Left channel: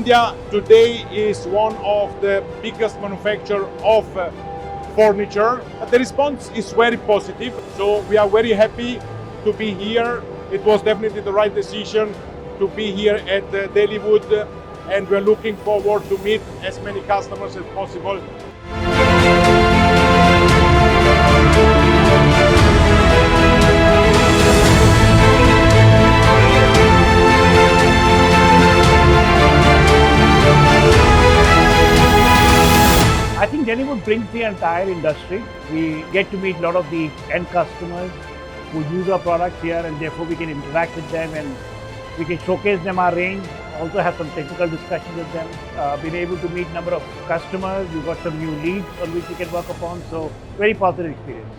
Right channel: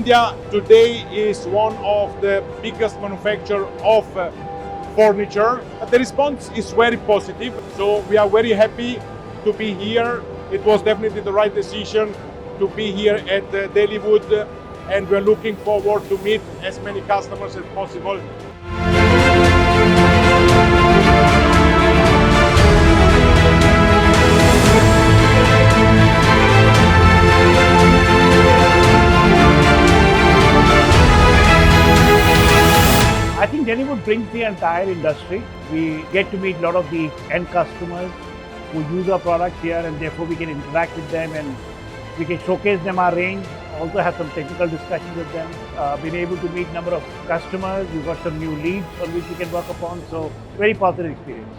India today is one of the biggest manufacturers of furniture. The response is very positive, so we are very happy to be here. It was definitely the right decision to be here at DELHIWOOD, and we're looking forward to meet as many customers as possible. I think DELHIWOOD brings the entire industry. We get to meet a lot of the end customers who use our products here, and therefore we can interact with them and we can showcase them our range, also have some technical discussions with them. Been able to meet a number of customers. We've got some new leads on which we can work upon, so very positive experience.